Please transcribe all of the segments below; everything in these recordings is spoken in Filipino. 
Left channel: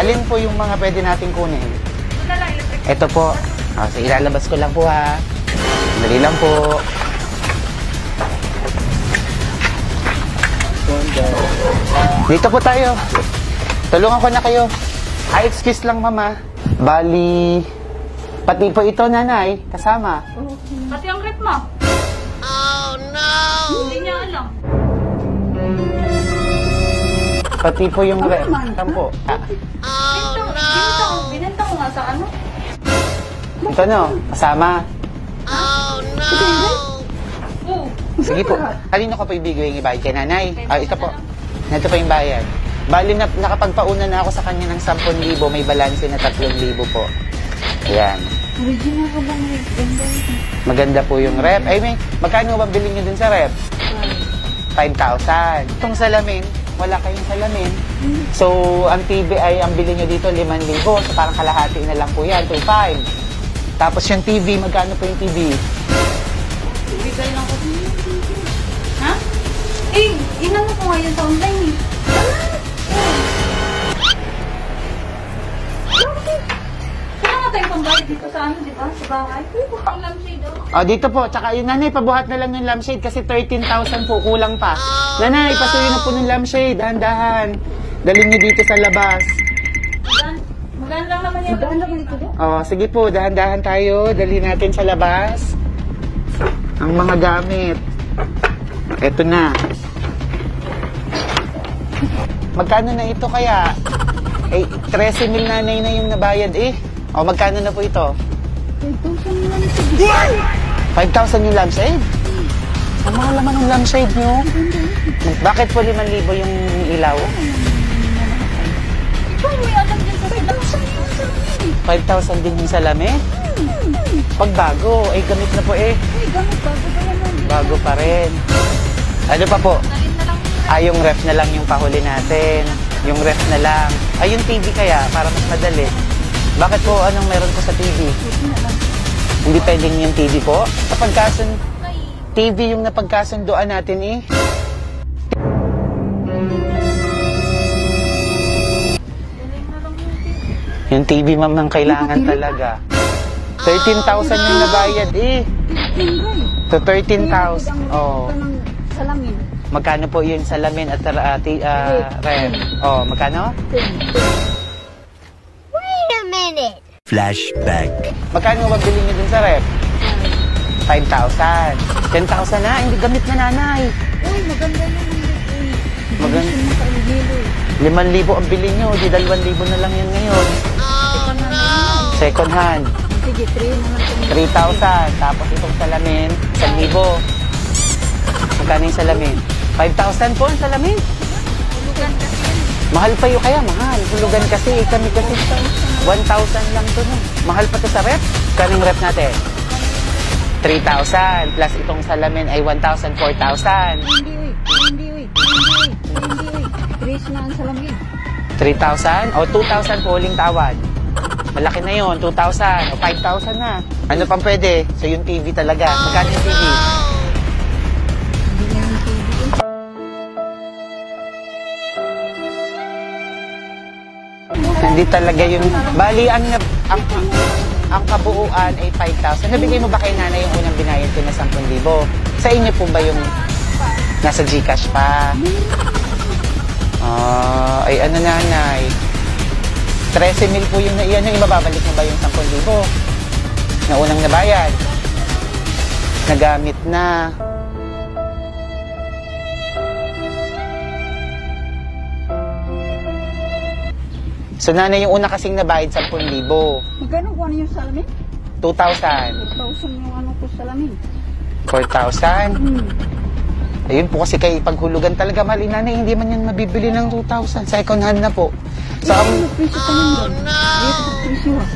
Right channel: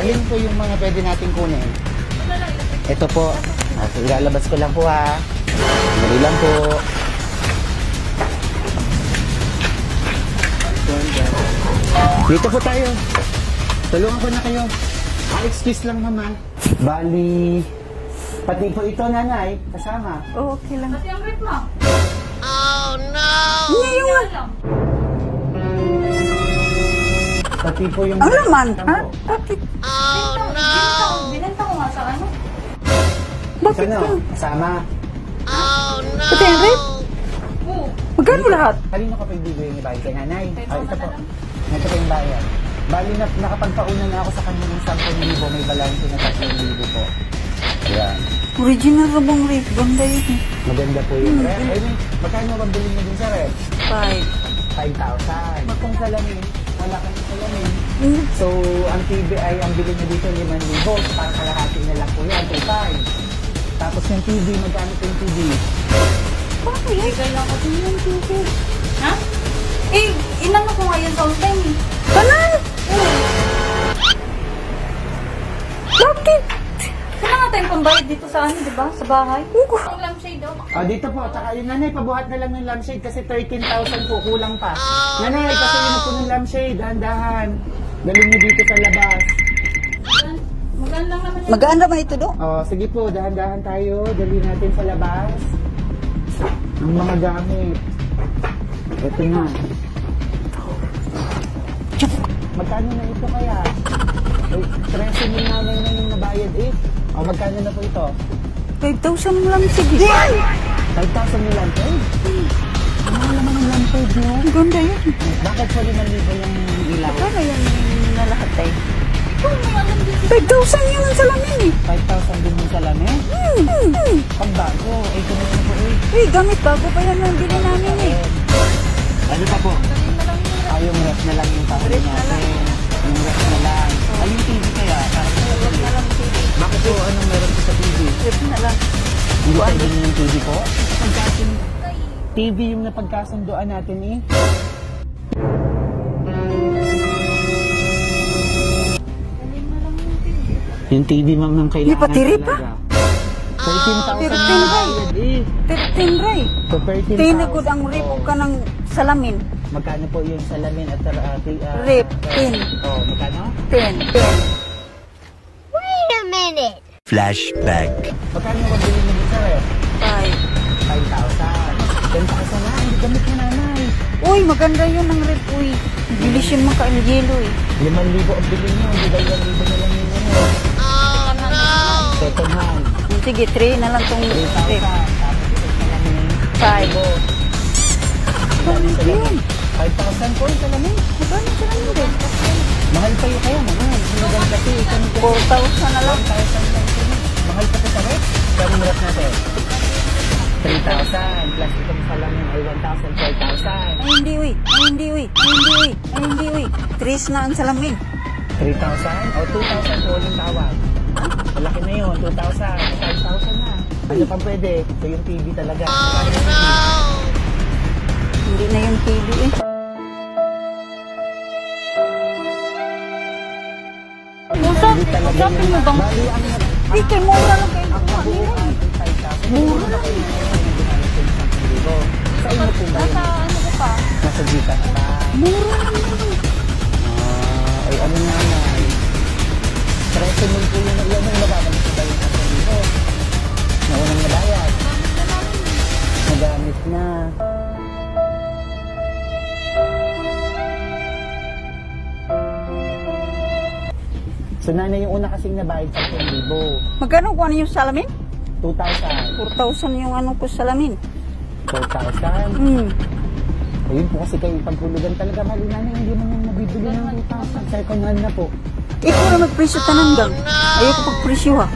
Alin po yung mga pwede natin kunin? Ito po. Okay, ilalabas ko lang po ha. Dali lang po. Dito po tayo. Tulungan ko na kayo. Ay, excuse lang mama. Bali, pati po ito nanay, kasama. Oh, okay lang. Pati ang rep mo. Oh no! Hindi lang. Pati po yung Ano naman, Saan ha? po? Oh no! Binenta ko nga sa ano? Ito no, kasama. Pati yung rep? Oo. Sige Magkano po. lahat? Kanino ko po ibigay yung ibayad kay nanay? Ito po. Ito po yung bayad. Bali na nakapagpauna na ako sa kanya ng 10,000. May balanse na 3,000 po. Ayan. Original ka bang rep? Ganda yun. Maganda po yung rep. Ay, may, magkano ba bilhin nyo dun sa rep? 5,000. Itong salamin, wala kayong salamin. So, ang TV ay, ang bilhin nyo dito, 5,000. So, parang kalahati na lang po yan, 2,500. Tapos yung TV, magkano po yung TV? Bigay lang kasi yung TV. Ha? Eh, ilan mo ko nga yung sound eh. Kanan! Bakit? Wala nga tayong pambayad dito sa ano, di ba? Sa bahay. Ang lampshade oh. O, dito po. Tsaka yung nanay, pabuhat na lang yung lampshade kasi 13,000 po, kulang pa. Nanay, pasuyin na po ng lampshade, dahan-dahan. Dalhin nyo dito sa labas. Magaan lang naman yung... Magaan naman ito do? O, sige po, dahan-dahan tayo. Dalhin natin sa labas. Ang mga gamit. Eto na. Magkano na ito kaya? Eh, 13,000 nanay na yung nabayad eh. O, magkano na po ito? 5,000 lang sige. 5,000 yung lampshade? Ang mahal naman ang lampshade nyo. Ang ganda yun. Bakit po 5,000 yung ilaw? Kaya na lahat tayo. 5,000 yun ang salamin. 5,000 din yung salamin? Pag bago, ay gamit na po eh. Eh, gamit bago pa yan. Bago pa rin. Ano pa po? Ay, yung ref na lang yung pahuli natin. Yung ref na lang. Ay, yung TV kaya, para mas madali. Bakit po, anong meron po sa TV? Hindi pwedeng yung TV po? Sa pagkasun... TV yung napagkasunduan natin eh. Yung TV, ma'am, ang kailangan May patiri pa? talaga. 13,000 yung nabayad eh. 15 ray. To Tinigod 13,000. ang rep ka ng salamin. Magkano po yung salamin at Rep. ref? Oh, magkano? 10. Wait a minute. Flashback. Magkano ba bilhin nyo din sa ref? 5,000. 10,000 na, hindi gamit na nanay. Uy, maganda yun ang rep. Uy, hindi Maganda. siya makaangelo eh. 5,000 ang bilhin nyo, di 2,000 na lang yun ngayon. Oh no. Second hand, Sige, 3 na lang itong 3,000. Tapos itong salamin, 1,000. Magkano yung salamin? 5,000 po ang salamin. Mahal pa yun kaya, mahal. Hulugan kasi, kami ko 1,000 lang ito na. Mahal pa ito sa rep. Kanong rep natin? 3,000 plus itong salamin ay 1,000, 4,000. Hindi, uy. 3 na ang salamin. 3,000 o 2,000 po uling tawad. Malaki na yun, 2,000 o 5,000 na. Ano pang pwede? So yung TV talaga. Magkano yung TV? Hindi na yung TV eh. Hindi talaga yun. Bali, ang kabuuan ay 5,000. Nabigay mo ba kay nanay yung unang binayad ko na 10,000? Sa inyo po ba yung nasa Gcash pa? Ay ano nanay? 13,000 po yung iyan yung mababalik mo ba yung 10,000 na unang nabayad? Nagamit na. So nanay, yung una kasing nabayad 10,000. Magkano kung ano yung salamin? 2,000. 4,000 yung ano ko salamin. 4,000. Ayun po kasi kay paghulugan talaga mali nanay, hindi man yan mabibili ng 2,000. Second hand na po. So, Ikaw nagpresyo ka nang doon. Ayaw ko pagpresyo ha.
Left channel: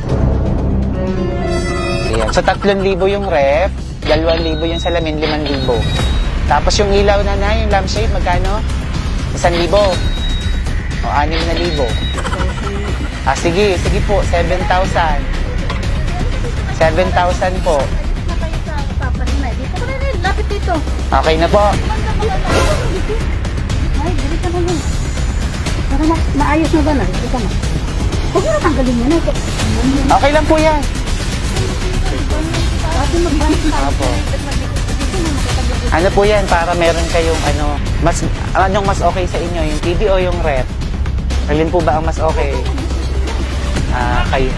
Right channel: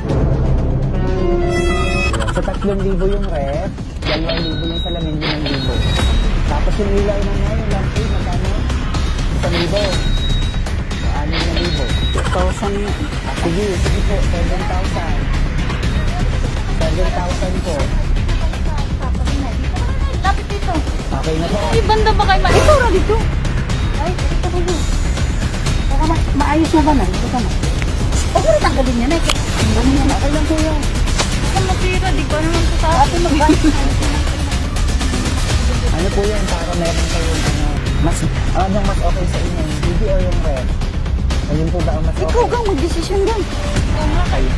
ayan. So 3,000 yung ref, 2,000 yung salamin, 5,000. Tapos yung ilaw nanay, yung lampshade, magkano? 1,000. O 6,000. 4,000. Sige po, 7,000. 7,000 po. Papa ni Nay. Dito ka na, lapit dito. Okay na po. Ay, banda ba kayo Ito na dito. Ay, dito ka na. Maayos na ba na? Dito ka na. Huwag mo na tanggalin yan. Okay lang po yan. Kung matira, di ba naman sa Ate, magbayad ka. Opo. Ano po yan, para meron kayong anong mas okay sa inyo, yung TV o yung ref? Alin po ba ang mas okay? Ikaw, mag-desisyon lang. Kayo.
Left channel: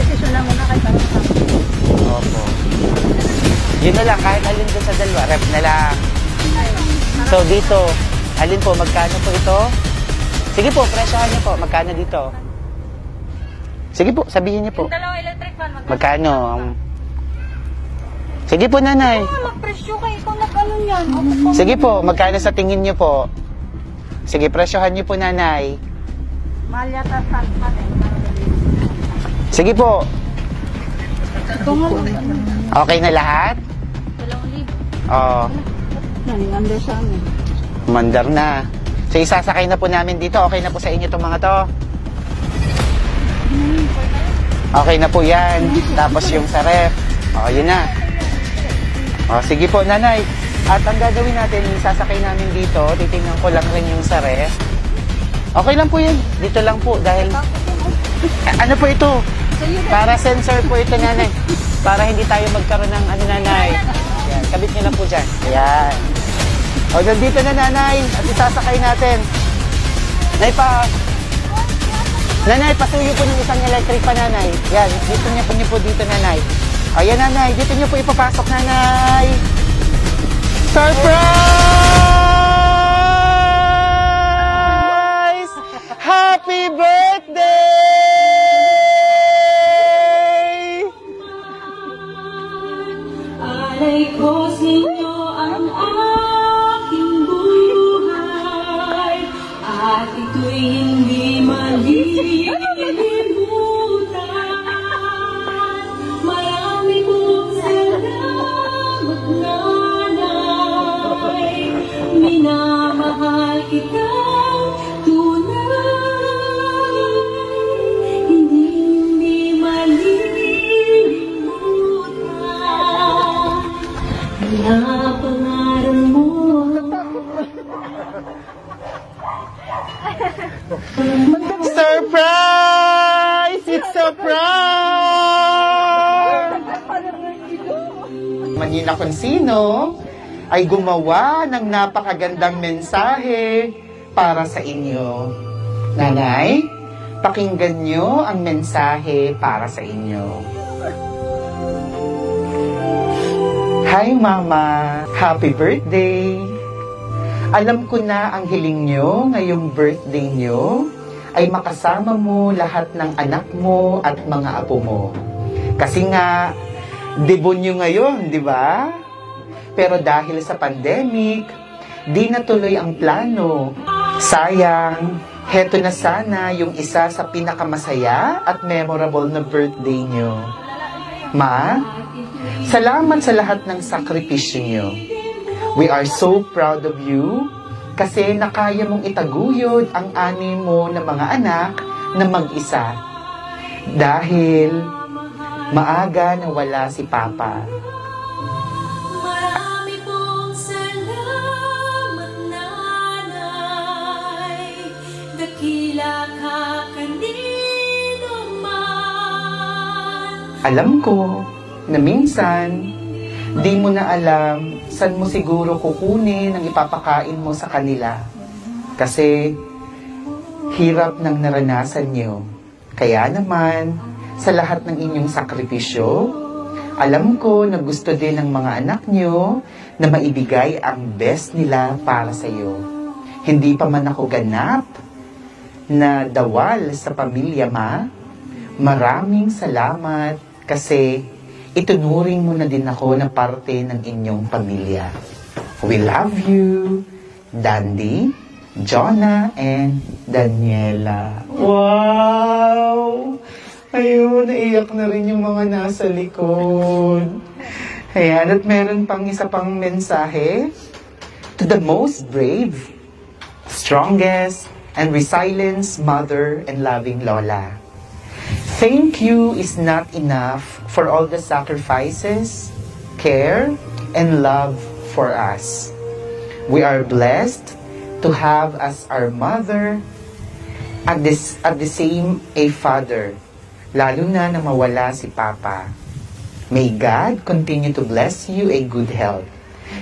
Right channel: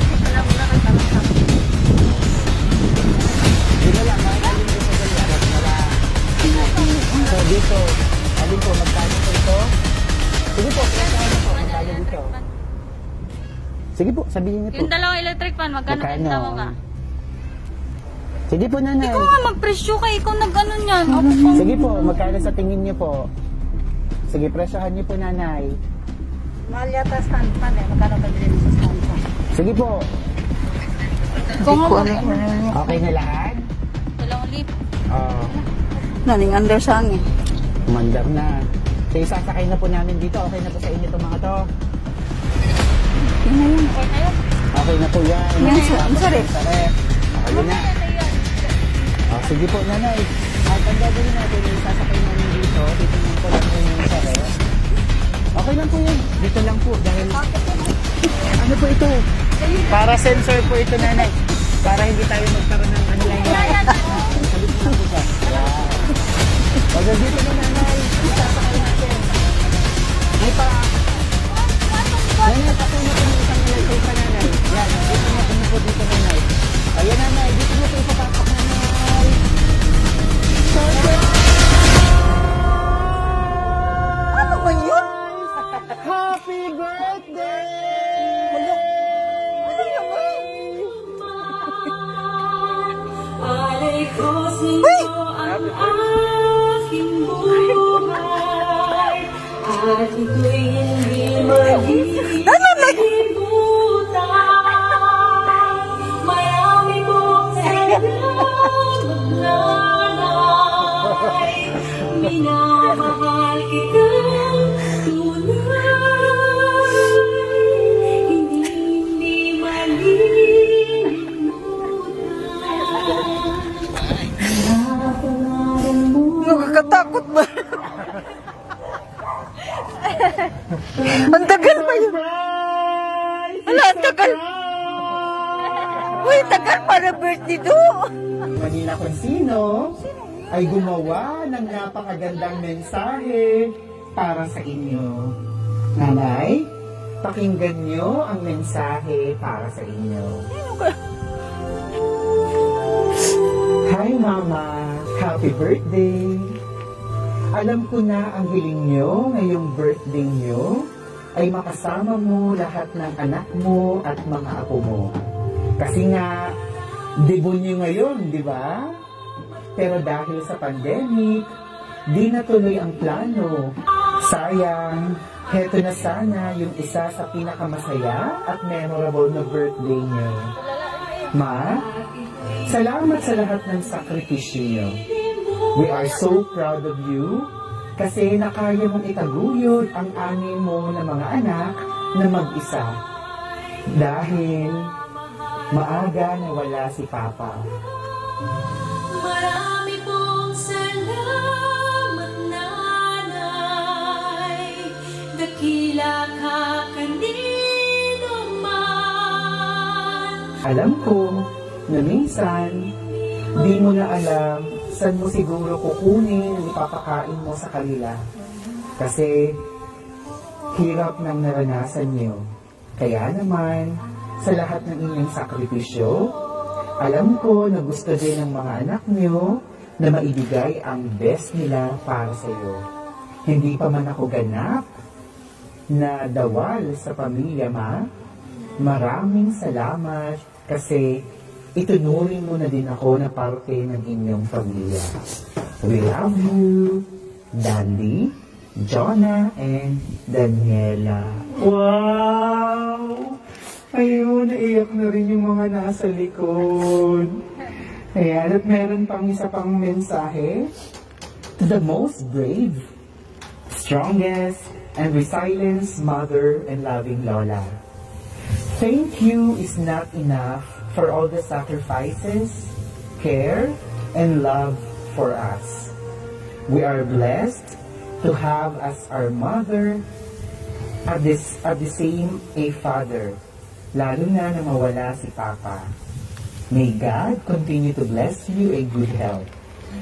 Desisyon lang muna kahit ano sa akin. Opo. Yun na lang, kahit alin ko sa dalawa, ref na lang. So dito, alin po, magkano po ito? Sige po, presyohan niyo po, magkano dito? Sige po, sabihin niyo po. Yung dalawang electric fan, Magkano? Sige po, nanay. Ikaw nga magpresyo ka, ikaw nag-ano niyan. Opo po. Sige po, magkano sa tingin niyo po? Sige, presyohan niyo po, nanay. Mahal yata stand fan eh. Magkano ba din sa stand fan? Sige po. Ikaw nga. Okay na lahat? Dalawang libo. Oo. Naning under sa amin. Mandar na. So, isasakay na po namin dito. Okay na po sa inyo itong mga to? Okay na po yan. Tapos yung sa ref. O, yun na. O, sige po, nanay. At ang gagawin natin, isasakay namin dito. Titingnan ko lang rin yung sa ref. Okay lang po yan. Dito lang po. Dahil, ano po ito? Para sensor po ito, nanay. Para hindi tayo magkaroon ng nanay. Yan, kabit niyo lang po dyan. Ayan. O, nandito na, nanay. At isasakay natin. Nanay, patuyo po yung isang electric pa, nanay. Yan, dito niyo po dito, nanay. Ayan, nanay. Dito niyo po ipapasok, nanay. Surprise! Happy birthday! Alay ko sa'yo ang aking buhay at ito'y hindi malilimutan. Marami mong salamat, nanay. Minamahal kita tunay. Hindi malilimutan. Napangaral mo. Nakakatakot ba? Ang tagal. Surprise! Surprise! Uy, tagal para birthday do. Manina Consino ay gumawa ng napakagandang mensahe para sa inyo. Nanay, pakinggan nyo ang mensahe para sa inyo. Hi Mama, happy birthday! Alam ko na ang hiling nyo ngayong birthday nyo ay makasama mo lahat ng anak mo at mga apo mo. Kasi nga, debut nyo ngayon, di ba? Pero dahil sa pandemic, di natuloy ang plano. Sayang, heto na sana yung isa sa pinakamasaya at memorable na birthday nyo. Ma, salamat sa lahat ng sakripisyo nyo. We are so proud of you kasi nakaya mong itaguyod ang 6 mo na mga anak na mag-isa. Dahil maaga nawala si Papa. Marami pong salamat, nanay. Dakila ka kanino man. Alam ko na minsan, di mo na alam saan mo siguro kukunin ang ipapakain mo sa kanila. Kasi hirap ng naranasan nyo. Kaya naman, sa lahat ng inyong sakripisyo, alam ko na gusto din ng mga anak nyo na maibigay ang best nila para sa iyo. Hindi pa man ako ganap na dawal sa pamilya, Ma. Maraming salamat kasi itunuring mo na din ako na parte ng inyong pamilya. We love you, Dandy, Jonah, and Daniela. Wow! Ayun, naiyak na rin yung mga nasa likod. Ayan, at meron pang isa pang mensahe. To the most brave, strongest, and resilient mother and loving Lola. Thank you is not enough for all the sacrifices, care, and love for us. We are blessed to to have as our mother, at the same a father, lalo na mawala si Papa. May God continue to bless you a good health.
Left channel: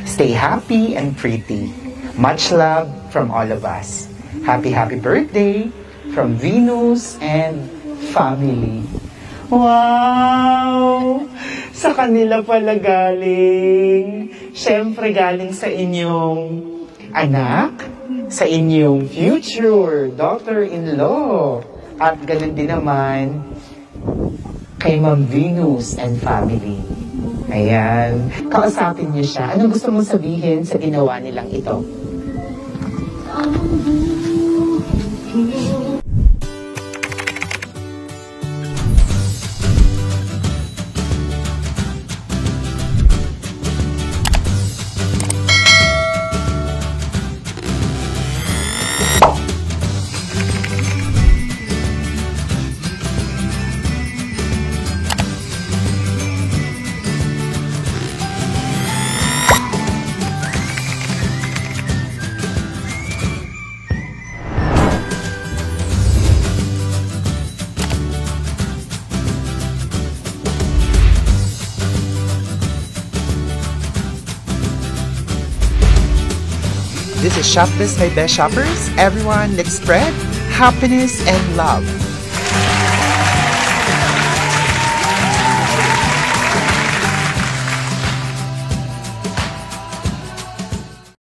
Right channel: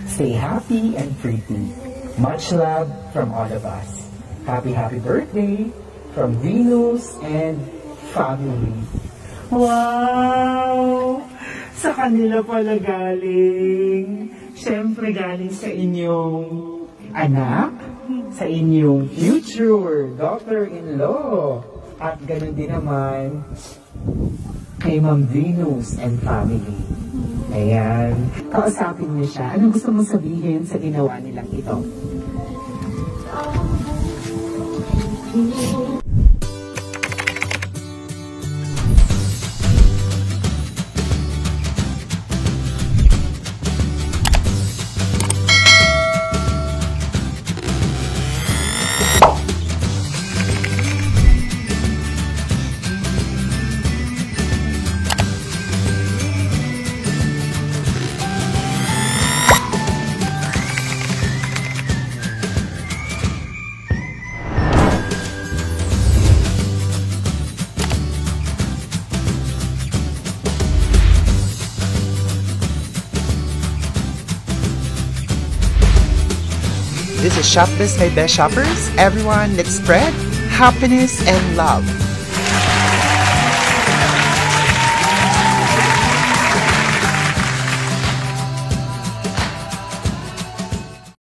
Stay happy and pretty. Much love from all of us. Happy birthday from Venus and family. Wow! Sa kanila pala galing. Siyempre galing sa inyong anak, sa inyong future daughter-in-law. At ganun din naman kay Ma'am Venus and family. Ayan. Kausapin niyo siya. Anong gusto mong sabihin sa ginawa nilang ito? This is Shop This by Best Shoppers. Everyone, let's spread happiness and love.